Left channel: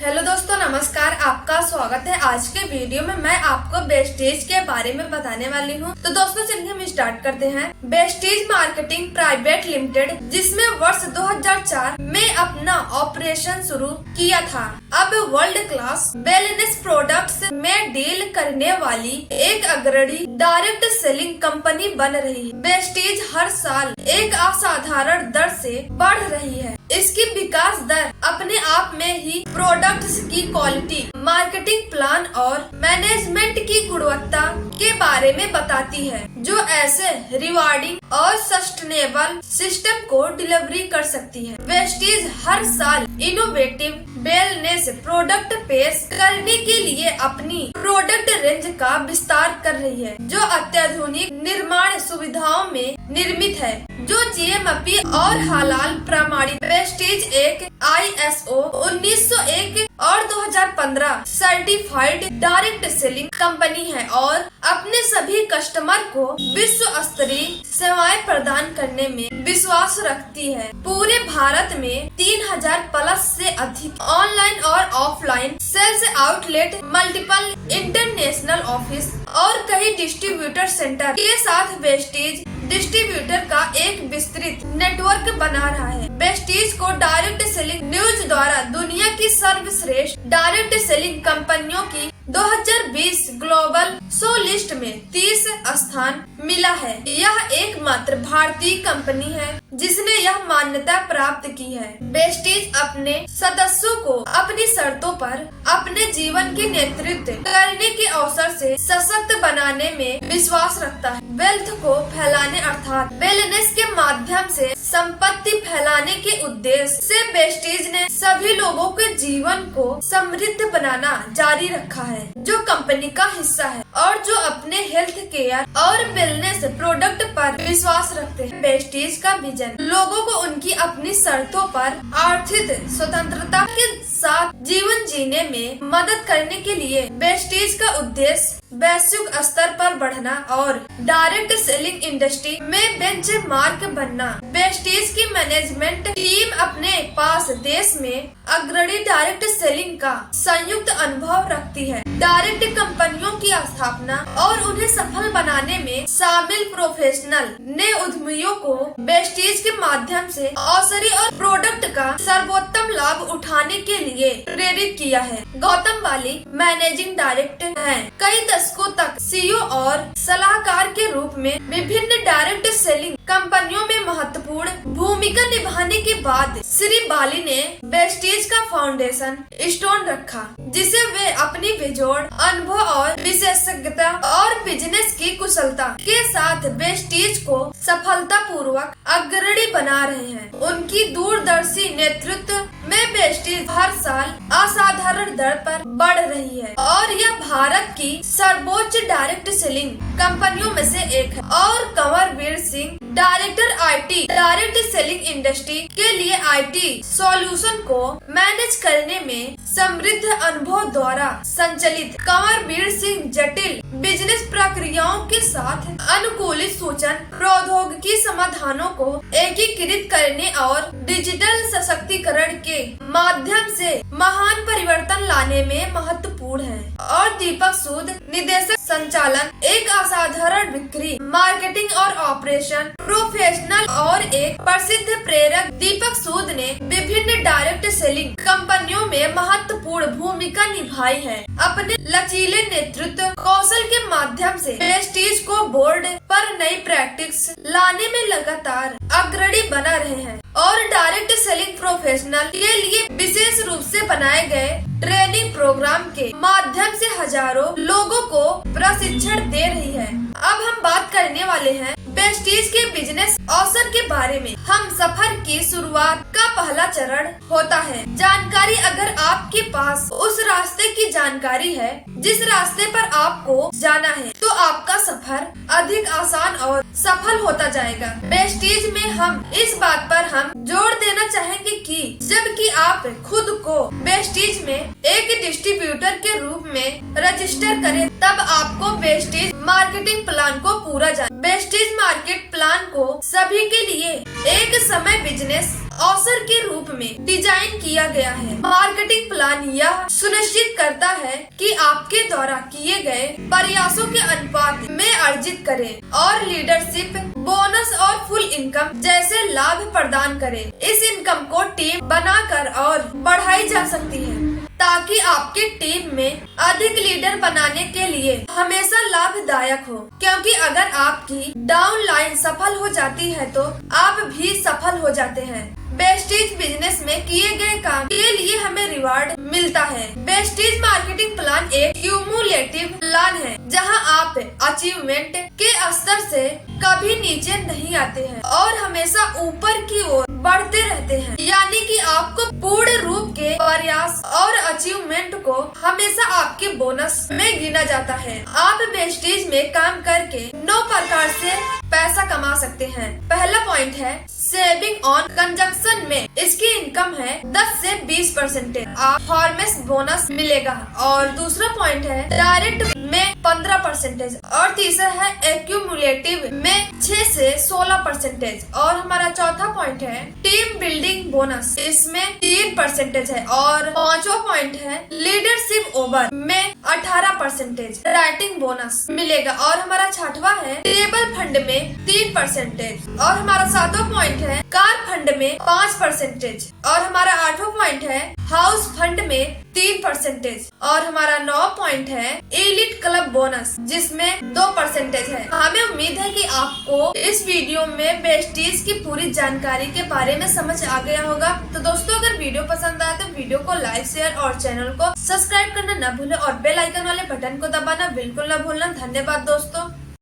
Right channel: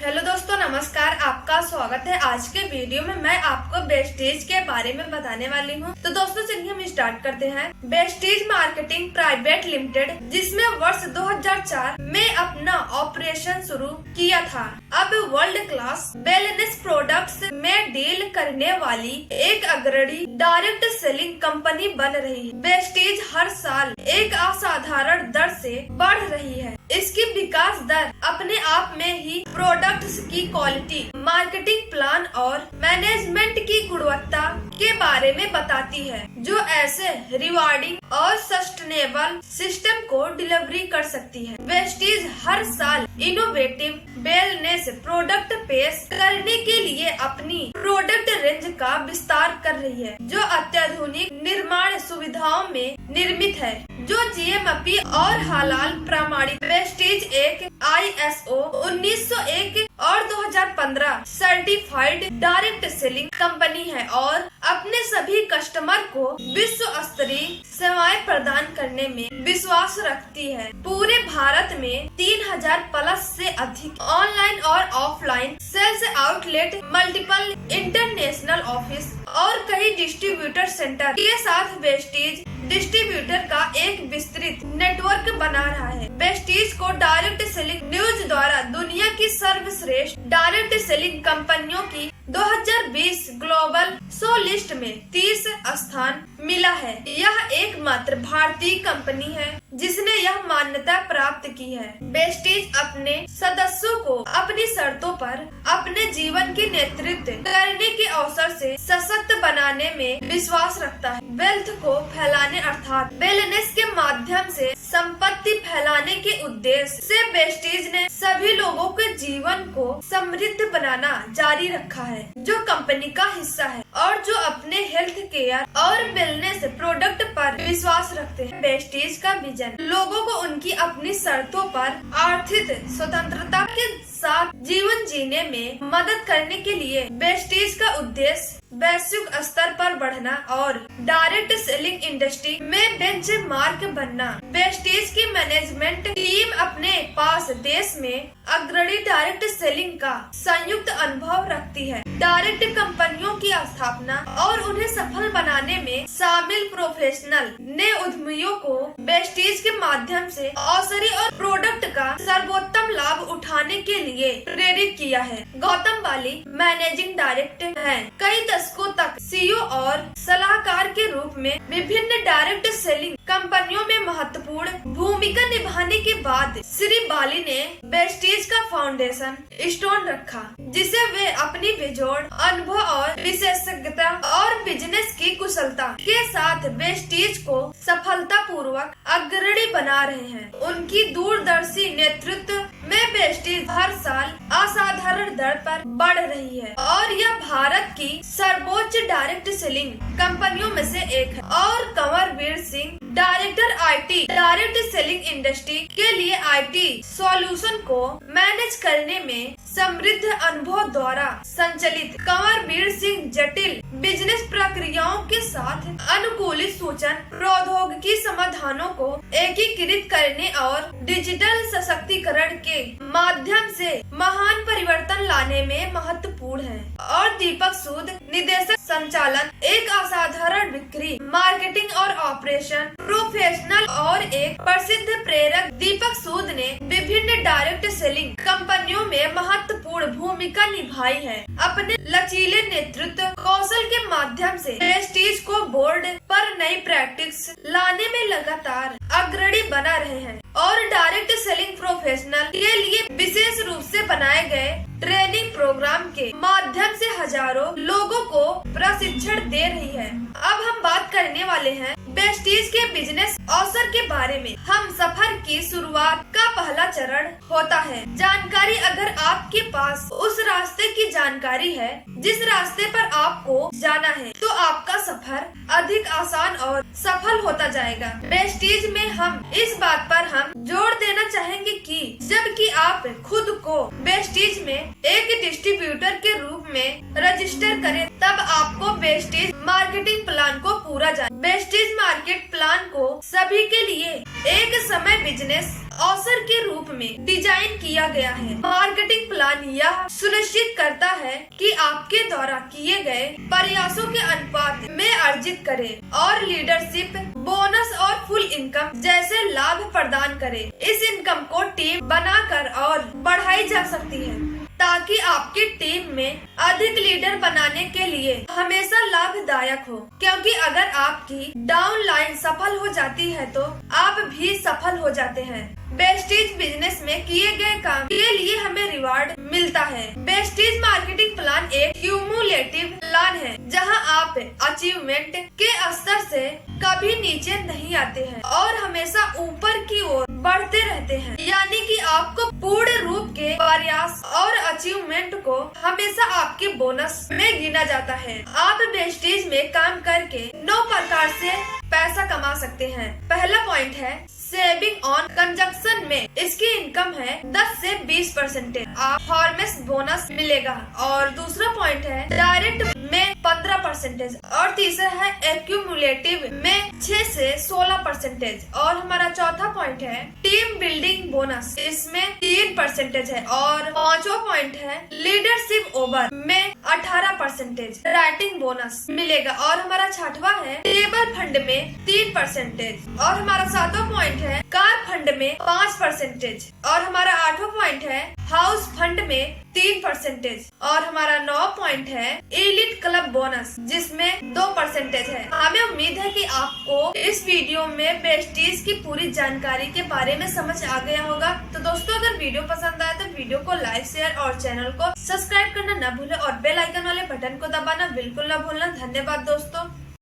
Hello दोस्तों, नमस्कार। आपका स्वागत है। आज के वीडियो में मैं आपको वेस्टेज के बारे में बताने वाली हूँ। तो दोस्तों चलिए हम स्टार्ट करते हैं। वेस्टेज मार्केटिंग प्राइवेट लिमिटेड, जिसमें वर्ष 2004 में अपना ऑपरेशन शुरू किया था, अब वर्ल्ड क्लास वेलनेस प्रोडक्ट्स में डील करने वाली एक अग्रणी डायरेक्ट सेलिंग कंपनी बन रही है। वेस्टेज हर साल एक असाधारण दर से बढ़ रही है। इसकी विकास दर अपने आप में ही प्रोडक्ट्स की क्वालिटी, मार्केटिंग प्लान और मैनेजमेंट की गुणवत्ता के बारे में बताती है, जो ऐसे रिवार्डिंग और सस्टेनेबल सिस्टम को डिलीवरी कर सकती है। वेस्टेज हर साल इनोवेटिव वेलनेस प्रोडक्ट पेश करने के लिए अपनी प्रोडक्ट रेंज का विस्तार कर रही है, जो अत्याधुनिक निर्माण सुविधाओं में निर्मित है, जो जीएमपी और हलाल प्रमाणित। वेस्टेज एक ISO 1901 और 2015 सर्टिफाइड डायरेक्ट सेलिंग कंपनी है और अपने सभी कस्टमर को विश्व स्तरीय सेवाएं प्रदान करने में विश्वास रखती है। पूरे भारत में 3000 प्लस से अधिक ऑनलाइन और offline sales outlet, multiple international office और कई डिस्ट्रीब्यूटर सेंटर के साथ वेस्टेज डिस्ट्रीब्यूटर का एक विस्तृत नेटवर्क बना रहा है। वेस्टेज को डायरेक्ट सेलिंग न्यूज द्वारा दुनिया की सर्वश्रेष्ठ डायरेक्ट सेलिंग कंपनियों की 2020 ग्लोबल 100 लिस्ट में 30 स्थान मिला है। यह एकमात्र भारतीय कंपनी है जिसने यह मान्यता प्राप्त की है। वेस्टेज अपने सदस्यों को अपनी शर्तों पर अपने जीवन के नेतृत्व करने के अवसर से सशक्त बनाने में विश्वास रखता है। वेल्थ को फैलाने अर्थात वेलनेस के माध्यम से संपत्ति फैलाने के उद्देश्य से वेस्टेज ने सभी लोगों के जीवन को समृद्ध बनाना जारी रखा है, जो कंपनी का हिस्सा है और जो अपने हेल्थ केयर और वेलनेस प्रोडक्ट पर विश्वास रखते हैं। वेस्टेज का विजन लोगों को उनकी अपनी शर्तों पर आर्थिक स्वतंत्रता के साथ जीवन जीने में मदद करने के लिए वेस्टेज का उद्देश्य वैश्विक स्तर पर बढ़ना और डायरेक्ट सेलिंग इंडस्ट्री में बेंचमार्क बनना। वेस्टेज की मैनेजमेंट टीम अपने पास देश में अग्रणी डायरेक्ट सेलिंग का संयुक्त अनुभव रखती है। डायरेक्ट कंपनियों की स्थापना और उन्हें सफल बनाने में शामिल प्रोफेशनल ने उद्यमियों को वेस्टेज के माध्यम से अवसरी और प्रोडक्ट का सर्वोत्तम लाभ उठाने के लिए प्रेरित किया है। गौतम वाली मैनेजिंग डायरेक्टर हैं। कई दशकों तक CEO और सलाहकार के रूप में विभिन्न डायरेक्ट सेलिंग कंपनियों में महत्वपूर्ण भूमिका निभाने के बाद श्री बाली ने वेस्टेज का फाउंडेशन स्टोन रखा, जिसे वे अपनी बेजोड़ अनुभव और विशेषज्ञता और बिजनेस की कुशलता के साथ वेस्टेज को सफलतापूर्वक अग्रणी बना रहे हैं। उनकी दूरदर्शी नेतृत्व में वेस्टेज हर साल असाधारण दर पर बढ़ रही है और यह भारत की सर्वोच्च डायरेक्ट सेलिंग कंपनियों में से एक है। और Kanwarveer Singh, director IT direct selling industry के लिए IT सॉल्यूशन को मैनेज करने में समृद्ध अनुभव द्वारा संचालित कंवरवीर सिंह जटिल बिजनेस प्रक्रियाओं के साथ अनुकूलित सूचन प्रौद्योगिकी समाधानों को एकीकृत करने और डिजिटल सशक्तिकरण के माध्यम से महान परिवर्तन लाने में महत्वपूर्ण है। और दीपक सूद, निदेशक संचालन, एक असाधारण बिक्री, मार्केटिंग और ऑपरेशन प्रोफेशनल और एक प्रसिद्ध प्रेरक। दीपक सूद ने विभिन्न डायरेक्ट सेलिंग कंपनियों में महत्वपूर्ण भूमिका निभाई है। अपने लचीले नेतृत्व कौशल के माध्यम से वेस्टेज को बोर्ड पर नई प्रैक्टिस लाने में लगातार अग्रणी बना रहे हैं और डायरेक्ट सेलिंग प्रोफेशनल के लिए विशेष रूप से बनाए गए ट्रेनिंग प्रोग्राम के माध्यम से हजारों लोगों को प्रशिक्षण दे रही है। अब हम बात करने वाले हैं वेस्टेज के बिजनेस अवसर के बारे में। हम सफर की शुरुआत का पहला चरण होता है जानकारी। अगर आपके पास उस रास्ते की जानकारी है जिस रास्ते पर आपको जाना है, तो आपका सफर अधिक आसान और सफल होता जाएगा। वेस्टेज में हम इस बात पर हम जोर देना चाहेंगे कि जबकि आप खुद को वेस्टेज में एक डिस्ट्रीब्यूटर के रूप में रजिस्टर करें, तब आपको वेस्टेज मार्केटिंग प्लान को पूरा जाने। वेस्टेज मार्केट प्लान को सभी के लिए एक समय बिजनेस अवसर के रूप में डिजाइन किया गया है। मार्केटिंग प्लान यह सुनिश्चित करता है कि आपके द्वारा किए गए प्रयासों के अनुपात में अर्जित करे और लीडरशिप, बोनस और फुल इनकम जैसे लाभ प्रदान करे। इस इनकम को टीम बनाकर और बढ़ाई जा सकती है ताकि आपकी टीम में अधिक लीडर बनाने के लिए हमेशा लाभदायक हो, क्योंकि अगर आपकी डाउन लाइन सफल हो जाती है तो आप भी सफल हो जाते हैं। बेस्टीज बिजनेस में किए गए काम के लिए हमें रिवार्ड मिलता है। बेस्टीज मार्केटिंग प्लान एक क्यूमुलेटिव प्लान है जहां आप अचीवमेंट के स्तर से कभी नीचे नहीं आते हैं और हमेशा ऊपर की ओर बढ़ते रहते हैं, यानी कि आपको पूर्ण रूप के प्रयास और अचीवमेंट को हमेशा आपके बोनस में गिना जाता है। आप बेस्टीज में काम करके 9 प्रकार से पैसा कमा सकते हैं। पहला पॉइंट है सेविंग ऑन कंजक्शन में इसकी इनकम है 10 से 20%। आप फॉर्मेस बोनस मिलेगा। और दूसरा पॉइंट है डायरेक्ट में 15% और तीसरा है एक्यूमुलेटिव में 6 से 16%। और हमारा चौथा पॉइंट है टीम बिल्डिंग बोनस, इसमें 3% है। और पांचवा पॉइंट है लीडरशिप ओवर में 18% राइटिंग बोनस मिलेगा। और हमारा छठवा है टेबल फंड में 3%। और हमारा सातवां पॉइंट है कार फंड में 5%। और हमारा आठवां पॉइंट है हाउस फंड में 3%। और हमारा 9 पॉइंट है एलिट क्लब बोनस जिसमें 2% है। हमें उम्मीद है कि आपको इस वीडियो में बेस्टीज की पूरी जानकारी के बारे में समझ आ गया होगा। तो दोस्तों, अगर वीडियो पसंद आए तो वीडियो को लाइक, शेयर और चैनल को सब्सक्राइब करना न भूलें और बेल आइकन वाले बटन को दबाना बिल्कुल न भूलना। धन्यवाद दोस्तों।